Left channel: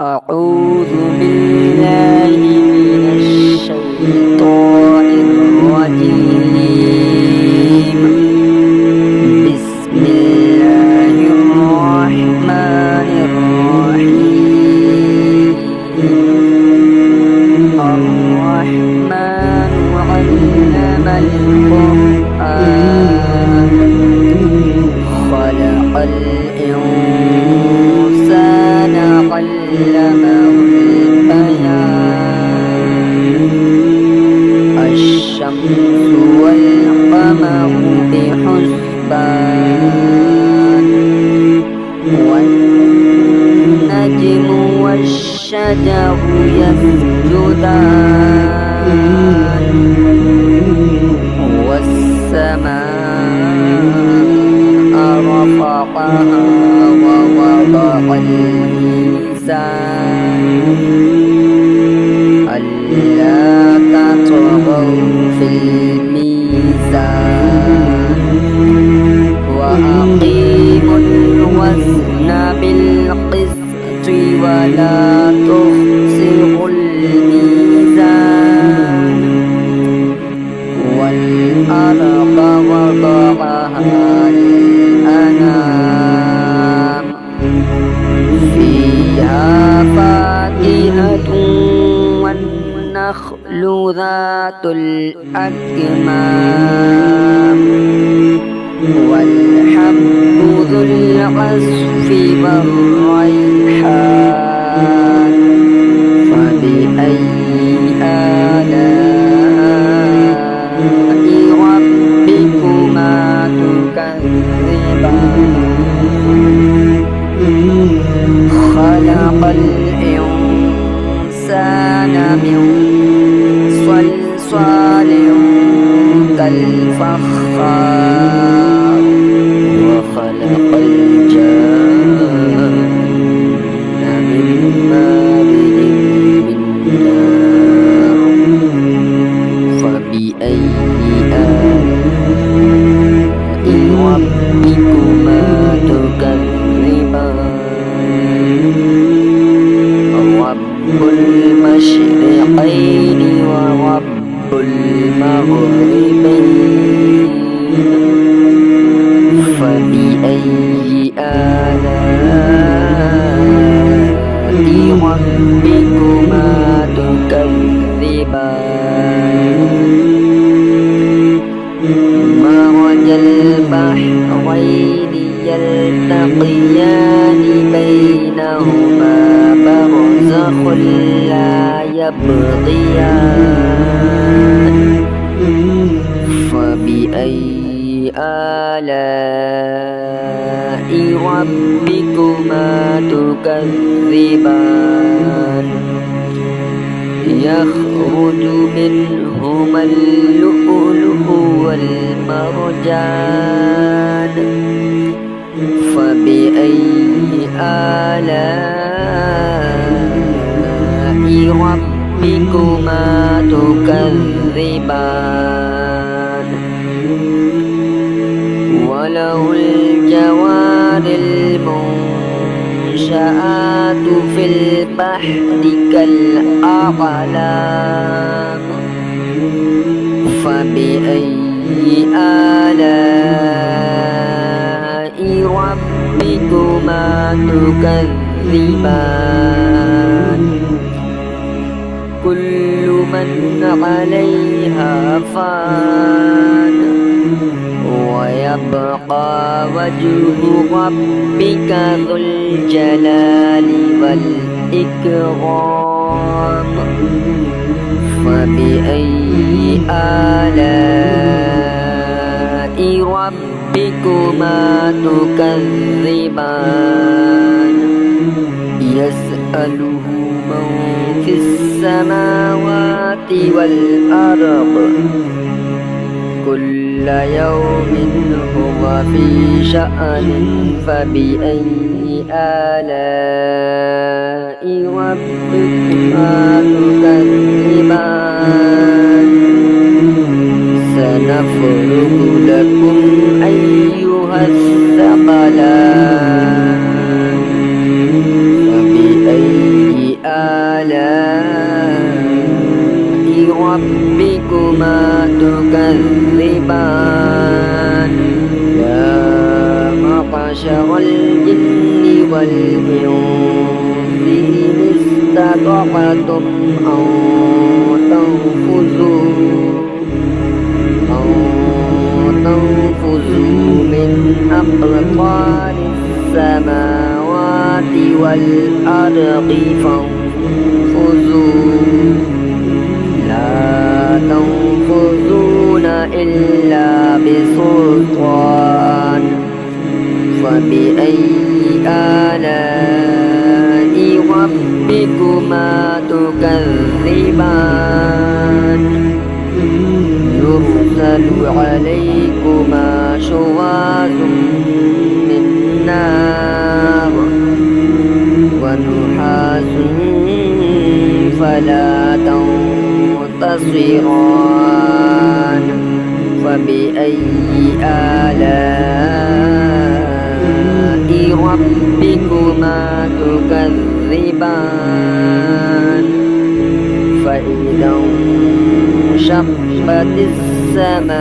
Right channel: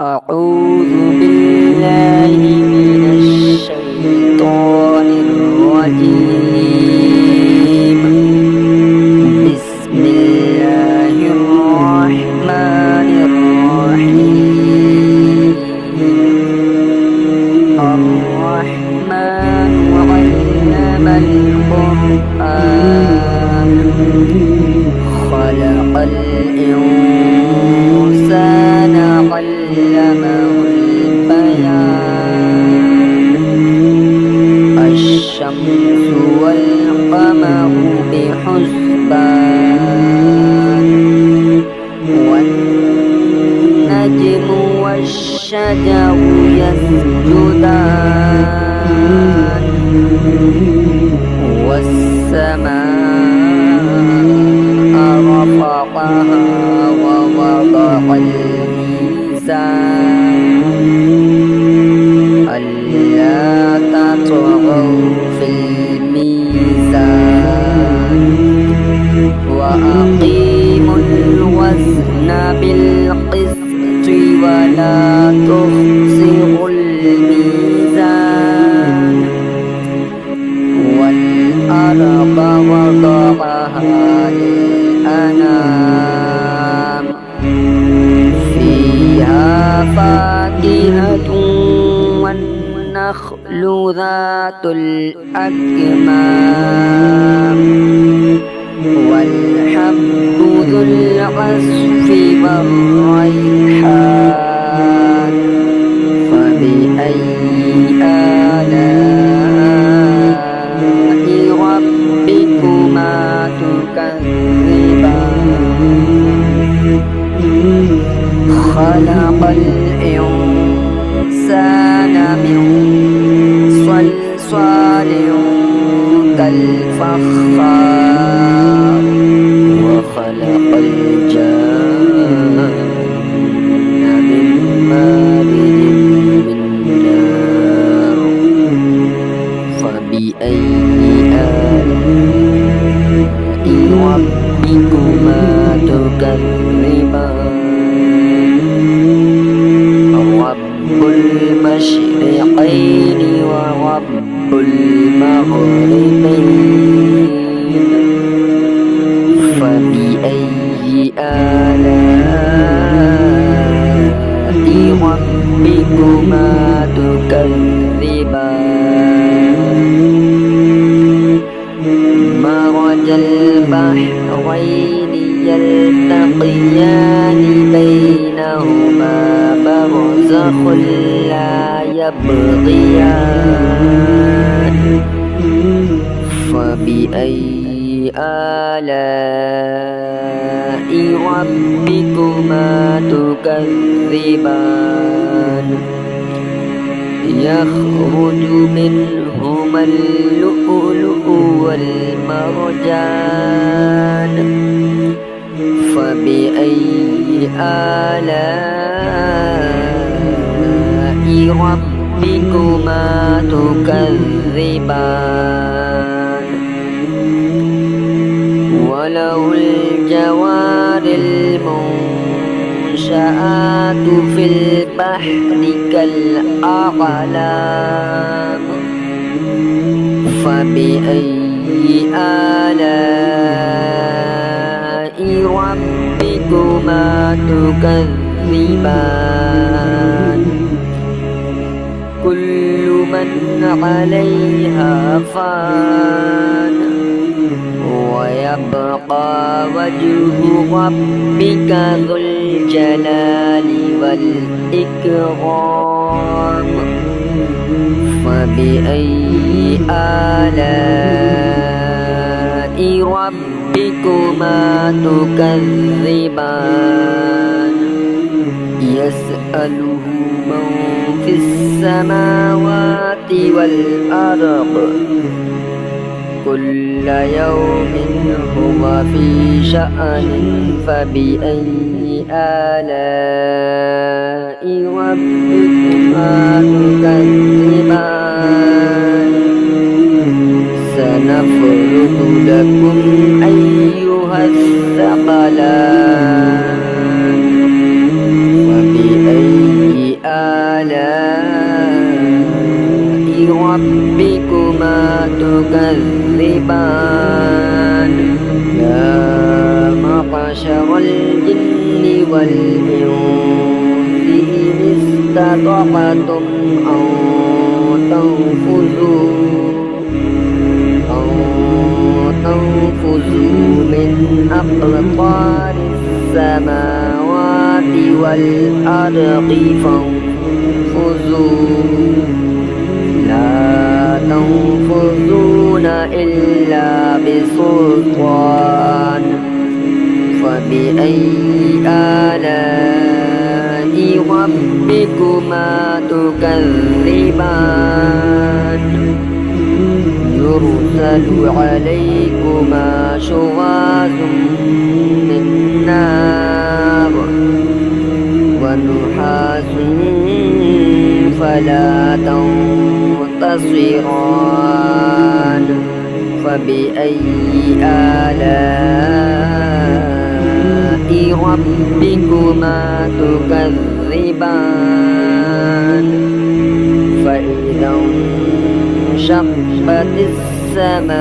أعوذ بالله من الشيطان الرجيم. بسم الله الرحمن الرحيم. الرحمن علم القرآن خلق الإنسان علمه البيان. الشمس والقمر بحسبان والنجم والشجر يسجدان والسماء رفعها ووضع الميزان ألا تطغوا في الميزان وأقيموا الوزن بالقسط ولا تخسروا الميزان. والأرض وضعها للأنام فيها فاكهة والنخل ذات الأكمام والحب ذو العصف والريحان. فبأي آلاء ربكما تكذبان. خلق الإنسان من صلصال كالفخار وخلق الجان من مارج من نار. فبأي آلاء ربكما تكذبان. رب المشرقين ورب المغربين. فبأي آلاء ربكما تكذبان. مرج البحرين يلتقيان بينهما برزخ لا يبغيان. فبأي آلاء ربكما تكذبان. يخرج منهما اللؤلؤ والمرجان. فبأي آلاء ربكما تكذبان. وله الجوار المنشآت في البحر كالأعلام. فبأي آلاء ربكما تكذبان. كل من عليها فان ويبقى وجه ربك ذو الجلال والإكرام. فبأي آلاء ربكما تكذبان. يسأله من في السماوات والأرض كل يوم هو في شأن. فبأي آلاء ربكما تكذبان. سنفرغ لكم أيها الثقلان. فبأي آلاء ربكما تكذبان يا معشر الجن والإنس إن استطعتم أن تنفذوا من أقطار السماوات والأرض فانفذوا لا تنفذون إلا بسلطان فبأي آلاء ربكما تكذبان يرسل عليكما شواظ من نار ونحاس فلا تنتصران فبأي آلاء ربكما تكذبان فإذا انشقت السماء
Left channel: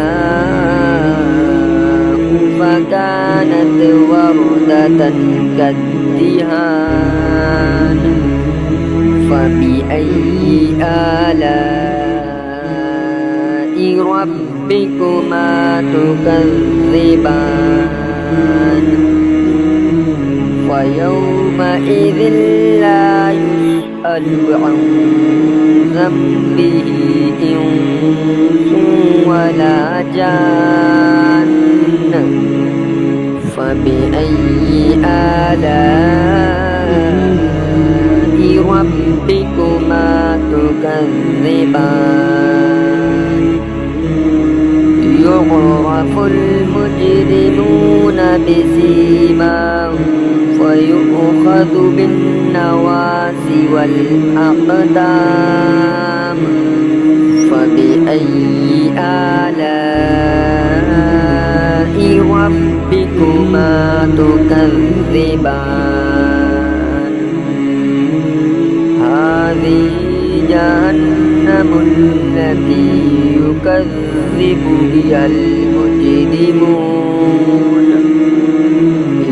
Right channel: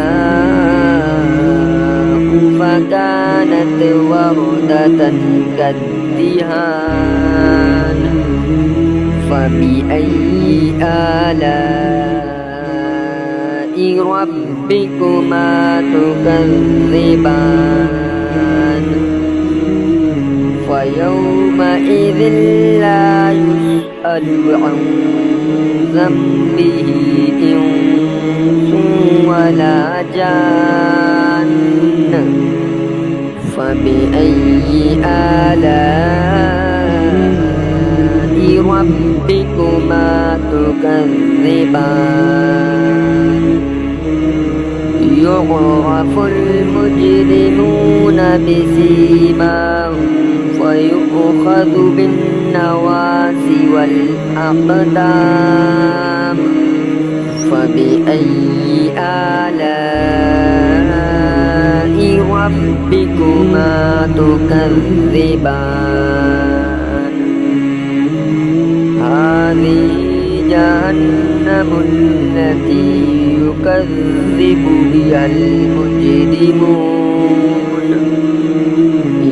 فكانت وردة كالدهان فبأي آلاء ربكما تكذبان فيومئذ لا يسأل عن ذنبه إنس ولا جان فبأي آلاء ربكما تكذبان يعرف المجرمون بسيماهم فيؤخذ بالنواصي والأقدام فبأي آلاء ربكما تكذبان هذه جهنم التي يكذب بها المجرمون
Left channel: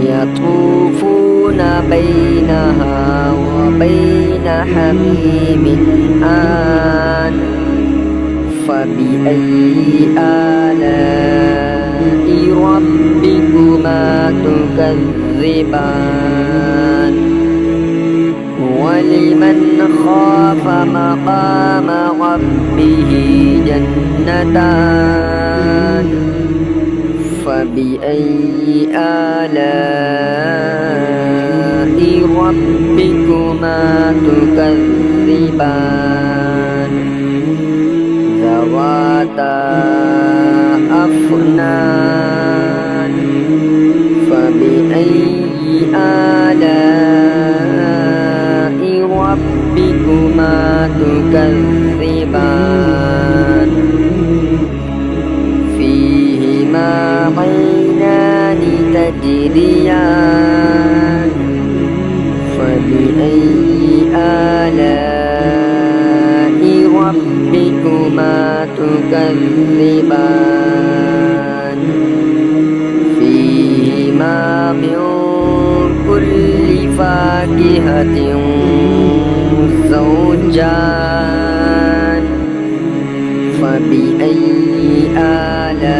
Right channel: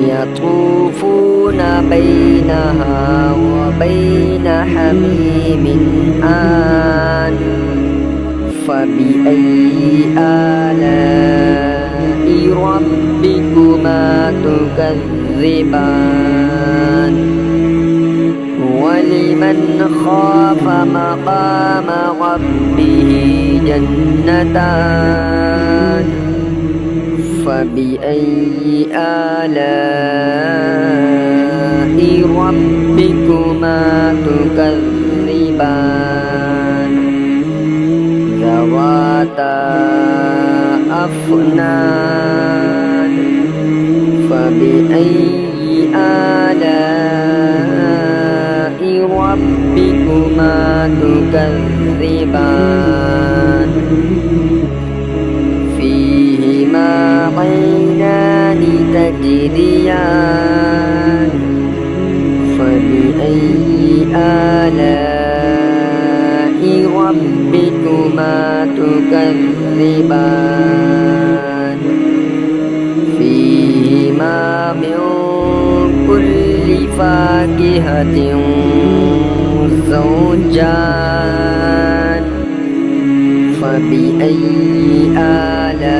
يطوفون بينها وبين حميم آن فبأي آلاء ربكما تكذبان ولمن خاف مقام ربه جنتان فبأي آلاء ربكما تكذبان ذواتا أفنان فبأي آلاء ربكما تكذبان فيهما عينان تجريان فبأي آلاء ربكما تكذبان فيهما من كل فاكهة زوجان فبأي آلاء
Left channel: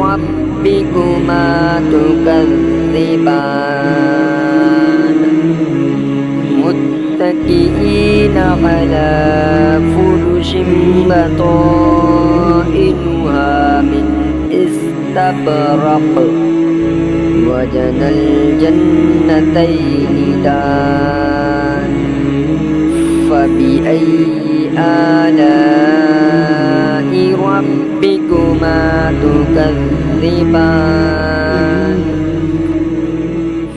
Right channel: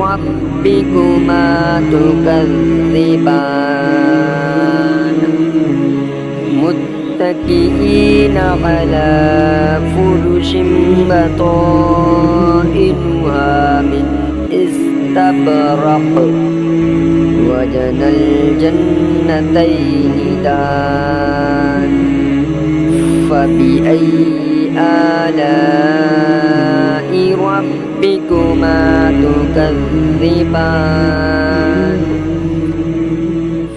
ربكما تكذبان متكئين على فرش بطائنها من استبرق وجنى الجنتين دان فبأي آلاء ربكما تكذبان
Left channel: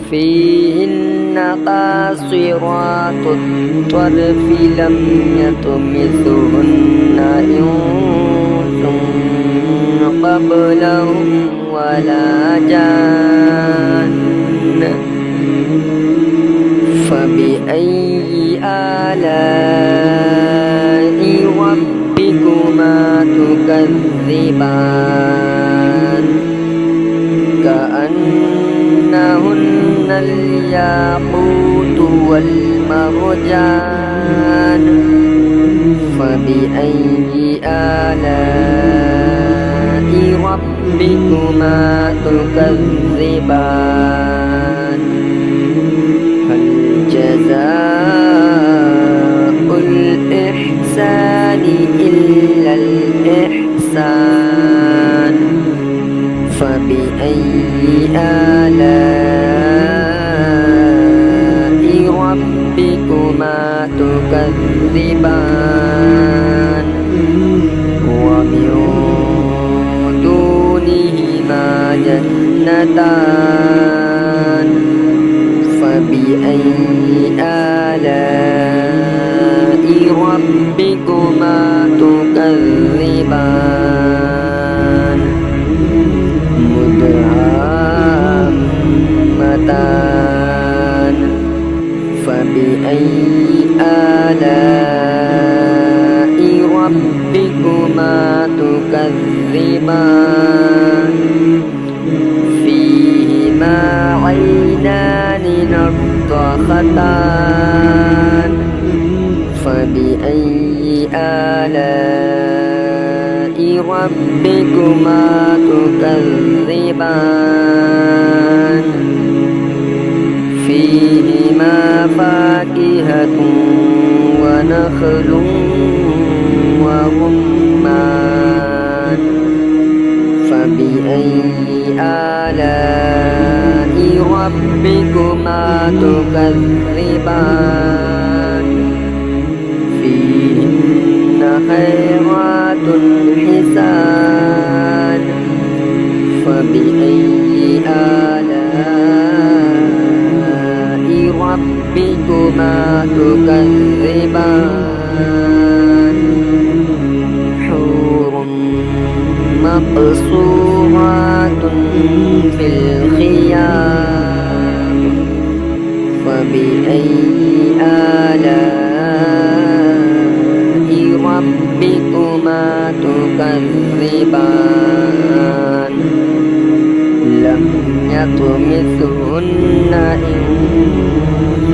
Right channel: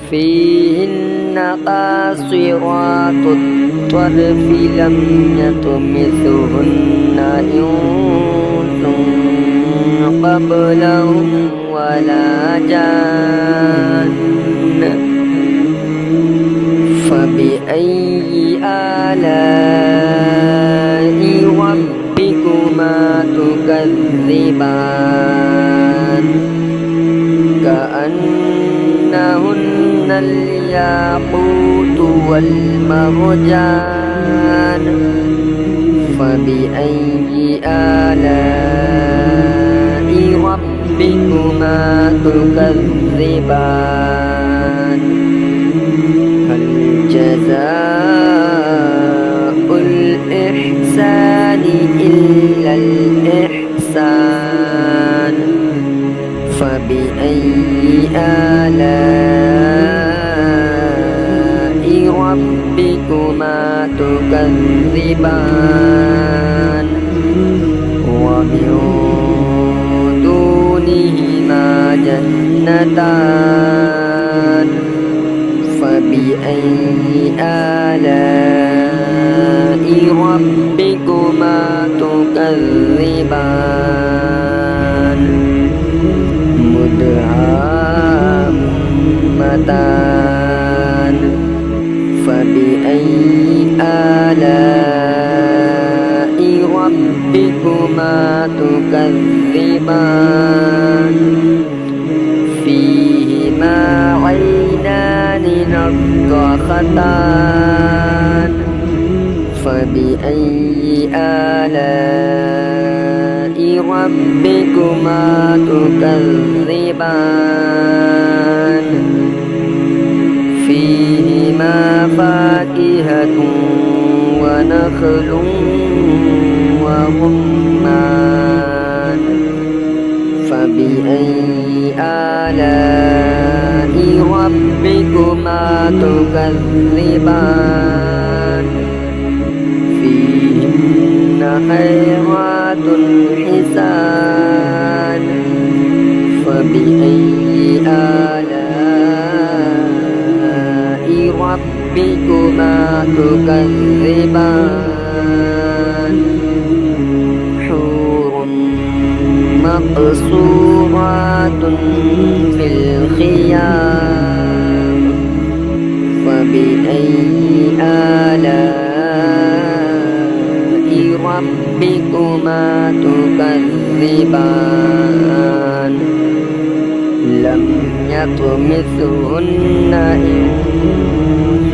فيهن قاصرات الطرف لم يطمثهن إنس قبلهم ولا جان فبأي آلاء ربكما تكذبان كأنهن الياقوت والمرجان فبأي آلاء ربكما تكذبان هل جزاء الإحسان إلا الإحسان فبأي آلاء ربكما تكذبان ومن دونهما جنتان فبأي آلاء ربكما تكذبان مدهامتان فبأي آلاء ربكما تكذبان فيهما عينان نضختان فبأي آلاء ربكما تكذبان فيهما فاكهة ونخل ورمان فبأي آلاء ربكما تكذبان فيهن خيرات حسان فبأي آلاء ربكما تكذبان حور مقصورات في الخيام فبأي آلاء ربكما تكذبان لم يطمثهن إنس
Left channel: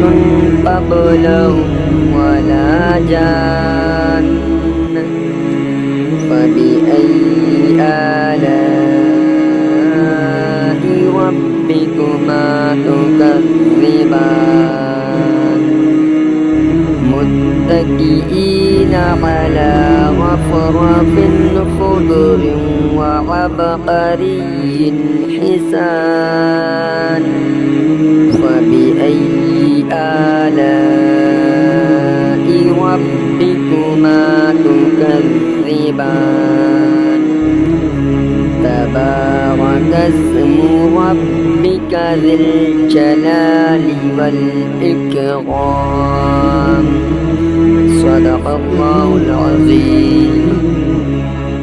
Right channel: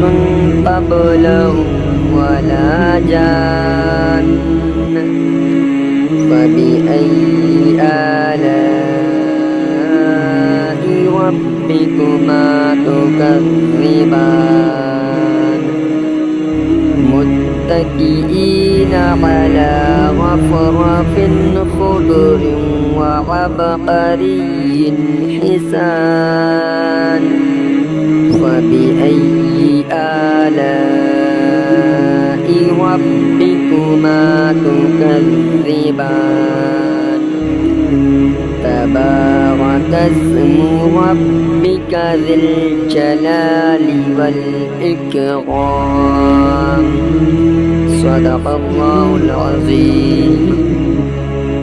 قبلهم ولا جان فبأي آلاء ربكما تكذبان متكئين على رفرف خضر وعبقري حسان فبأي آلاء ربكما تكذبان تبارك اسم ربك ذي الجلال والإكرام صدق الله العظيم.